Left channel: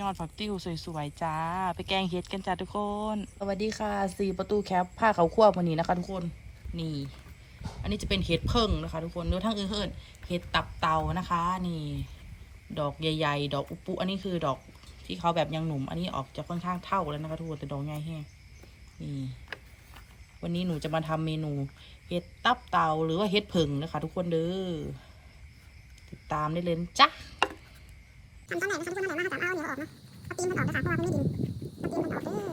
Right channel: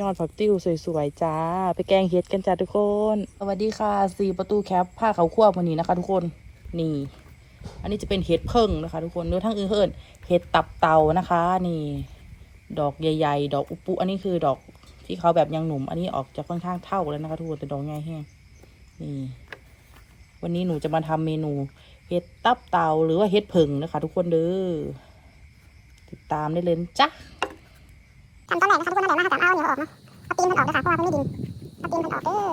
ยอดผักติ้วสวยๆจ้า ไปแกงเห็ดกันจ้าทุกคน สวัสดีค่ะสี่ประตูแคปผ้าเขาควบวันนี้นะคะ ทุกคนนี่ อันนี้จะเป็นเห็ดเพิ่งนะคะ ทุกคนหรือทั้งอื่นเพิ่นเห็ดตับเตานะคะ นี่ ดอกใหญ่ ๆ ดอกอุปุอันนี้คือดอกที่เขาแบบยังหนุ่ม อันนี้ออกจะค่อนข้างเท่าแล้วนะคะทุกคนแต่ดอกใหญ่แห้งนี่ วันนี้หนูจะมาทำเมนู เห็ดตับเตาหรือว่าเห็ดเพิ่งนะคะ ทุกคนเด้อติดตามได้เลยจ้ะ ทำต้นแรกนะคะทุกคนนั่นแหละมาค่ะจำเอาเหนียวออกเนาะเอาตีนมันออกนะคะเพราะว่ามันไม่ดินเอาตีนมันออกเออ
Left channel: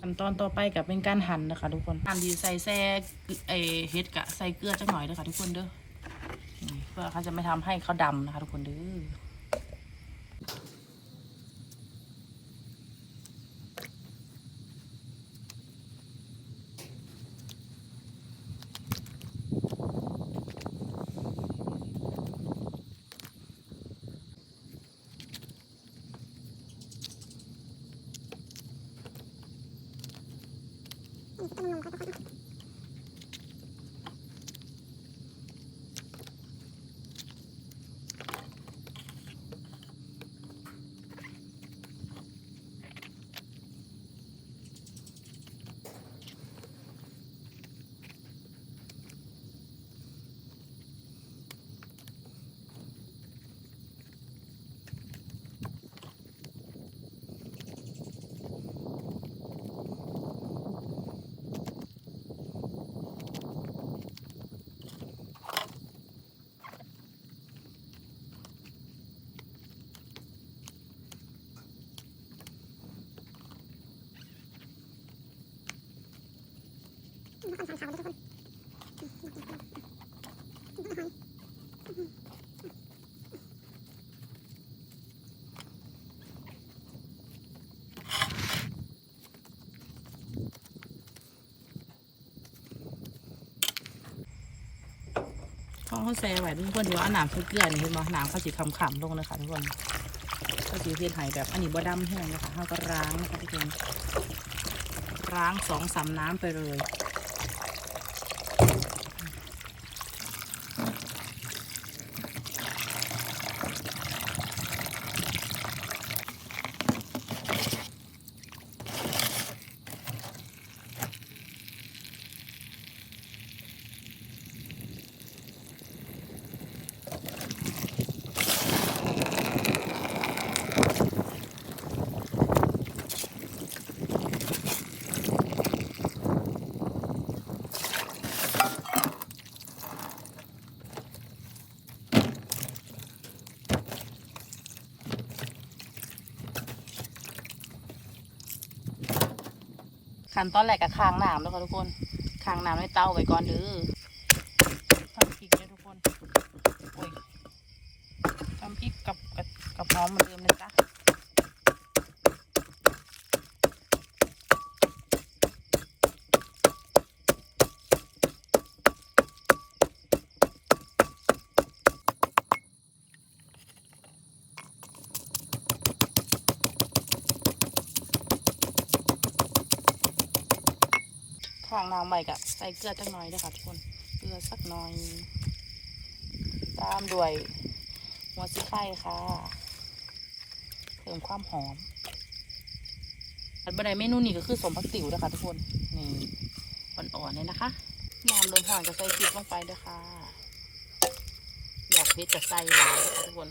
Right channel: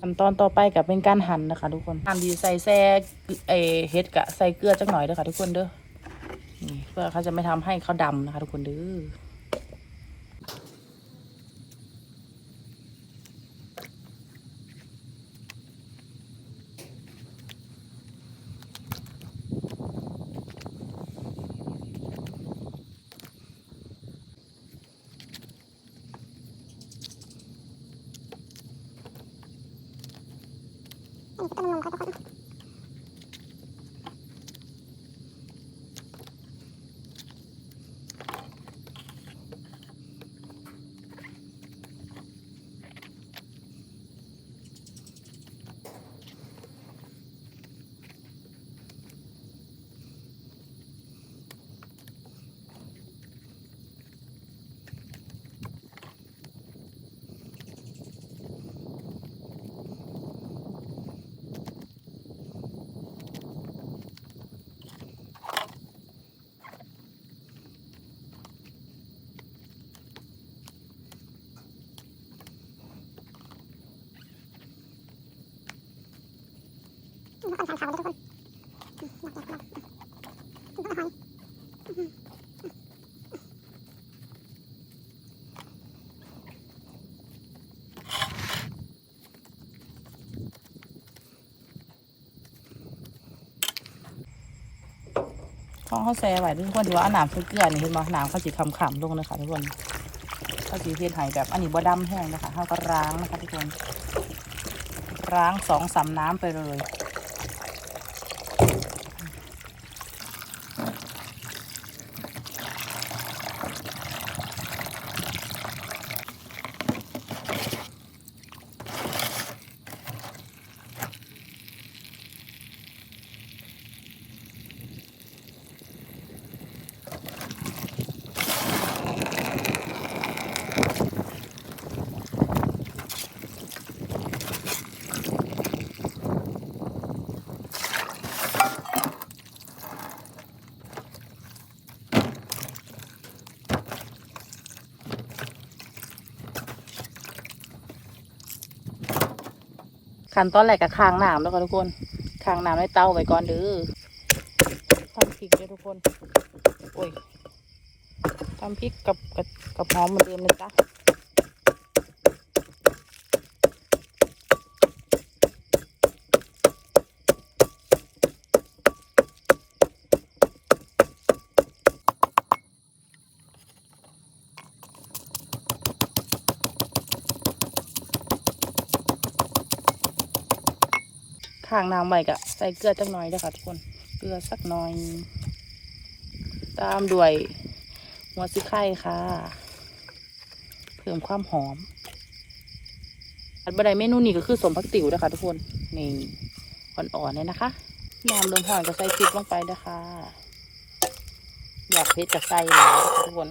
ขั้นตอนต่อไปกับเป็นการหั่นนะคะ ทุกคนหั่นดีใส่แซ่เอเฮ็ดกะใส่เกลือจักหน่อยเด้อค่ะ ทุกคนเด้อเพื่อเขาจะไม่ทำให้เขาดำนะคะ ทุกคนเด้อ อันนี้ก็ต้มนมค่ะทุกคนนี่ก็ค่อนขาขาวเลยทุกคนอืมอยากอากอยากอืมก็หอยอืม嗯เขาแซ่ไว้ทุกคนถือว่าเอาน้ำใส่เกลือนี่เห็นบ่น้ำเขาสีคำขำๆลงนะคะทุกคนเขาสีเทียนไห้แบบอันนี้บ่ดำแห้งนะคะเขาก็ล้างนะคะทุกคนล้างสองสาน้ำไปเลย ขั้นตอนแรกกับค้างน้ำแล้วก็ทุกคนค้างน้ำในเตาไว้ก่อนเด้อทำพริกด้วยทุกคนโอ้ยทำพริกกับกับกับหอมเหมือนเดิมนะจ๊ะ ค้างน้ำไว้กะใส่เกลือจักหน่อยเด้อค่ะทุกคน เกลือสักหน่อย ตามด้วยหัวซิไข่ค่ะ เพิ่มความหอม อันบันไดเมนูนี้ก็คือสมพักติ๋วนะคะทุกคน นี่อ่อนๆเลยนะคะน้ำเริ่มห่อนก็ใส่พริกลงไปนะคะอยากเผ็ดจะใส่แล้วทุกคน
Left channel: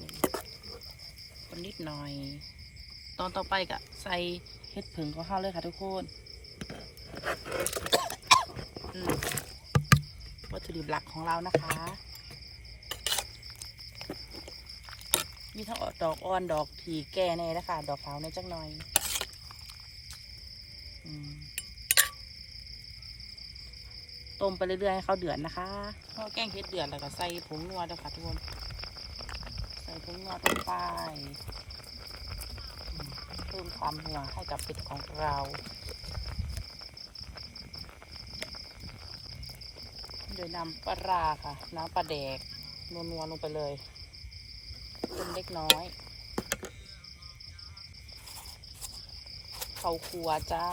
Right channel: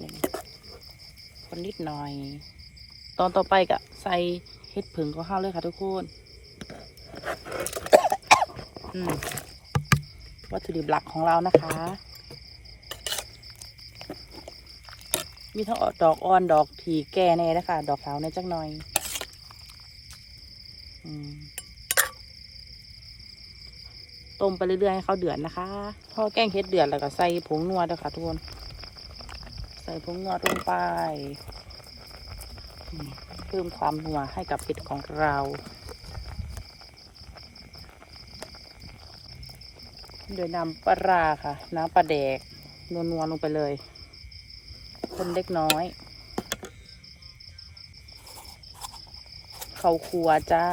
นี่คนนิดหน่อย ตอนต่อไปก็ใส่เห็ดผึ่งของข้าวเลยค่ะทุกคน วัตถุดิบหลักของเรานะคะ มีทั้งดอกอ่อนดอกถีแก่ในนะคะ ดอกขาวในจักหน่อยอต้มไปเรื่อยๆให้เขาเดือดนะคะ พอแกงเผ็ดเดือดแล้วก็ใส่ผงนัวด้วยค่ะทุกคน ใส่ผงงอลงไป เพิ่มความนัวให้กับเห็ดของเรา โดยนำปลาราค่ะ น้ำปลาแดกนัวๆลงไปเลยคนเล็กน้อยเขาครัวจ้า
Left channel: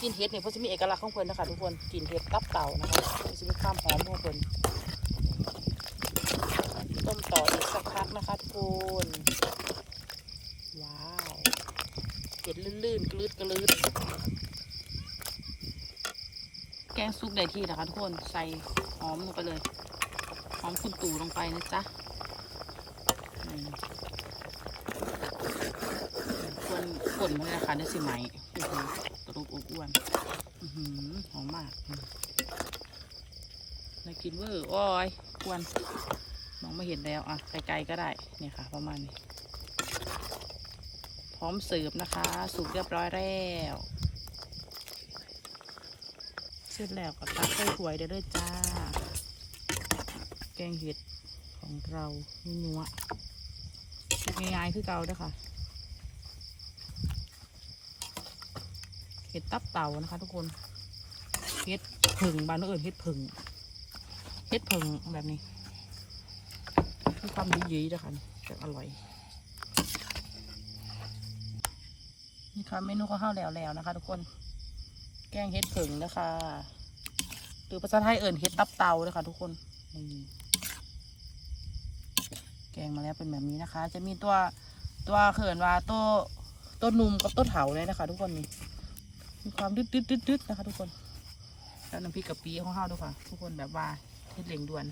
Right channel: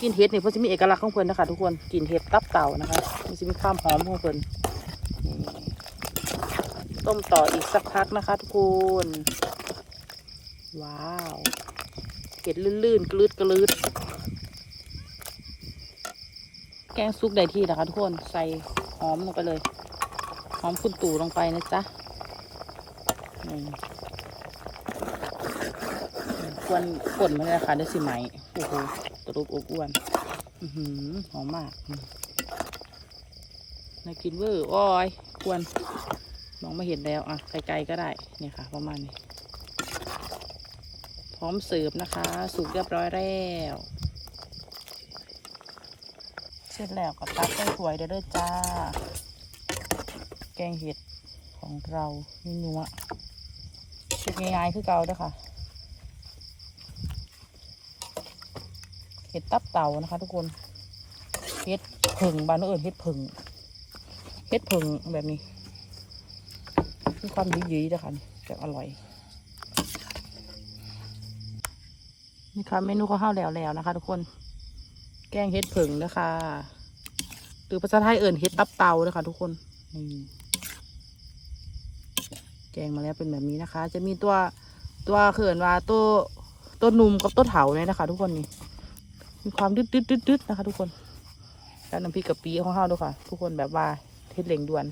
กินเห็ดนี่เพื่อจะมีเอกลักษณ์ของเพิ่นนะคะทุกคนกินเห็ดตับเต่านะคะมันจะมีความหอมของเพิ่นต้มต่ออีกสักพักนะคะทุกคนว้าวเห็ดลื่นๆกลืดกลืด แกงซุกได้ที่นะคะทุกคนใส่หอมลงไปเลย หอมคุณตู่ลงไปนะจ๊ะควรกดมันเลยค่ะได้สิไหมโอ้โหตรุบอบอ้วนหอมมากน่ากินเวอร์โอ้ยควรมองไม่เห็นแล้วอะไกลๆก็ได้เนี่ยค่ะ ประมาณนี้ พร้อมเสิร์ฟนะคะ สุกเรียบร้อยแล้ว เสร็จแล้วก็ตักใส่ถ้วยได้เลยจ้า แกงเห็ดของเรานัวๆสุกง่ายๆคือเก่าด้อค่ะ เห็ดตับเต่านะคะทุกคน เห็ดผึ่งบานเอิญเห็ดผึ่งเห็ดผึ่งแบบนี้มีความดีดีนะคะจะอร่อย นี่ค่ะเมนูข้าวห้าวแล้วแล้วนะคะ ทุกคน แกงเห็ดผึ่งนะคะหรือภาษาไทยเอิญเห็ดตับเตานะคะทุกคนนี่แกงมาแล้วเป็นแบบนี้นะคะ จะมีตัวตัวเขินว่าตัวตัวหนุ่มกับตัวเถาเนี่ยนะคะ ทุกคนนี่มีความดืดดืดดืดนะคะ ทุกคนแล้วน้ำพริกกะปิของข้าด้วยค่ะ ทุกคนแบบว่าเทศเหล่งด่วน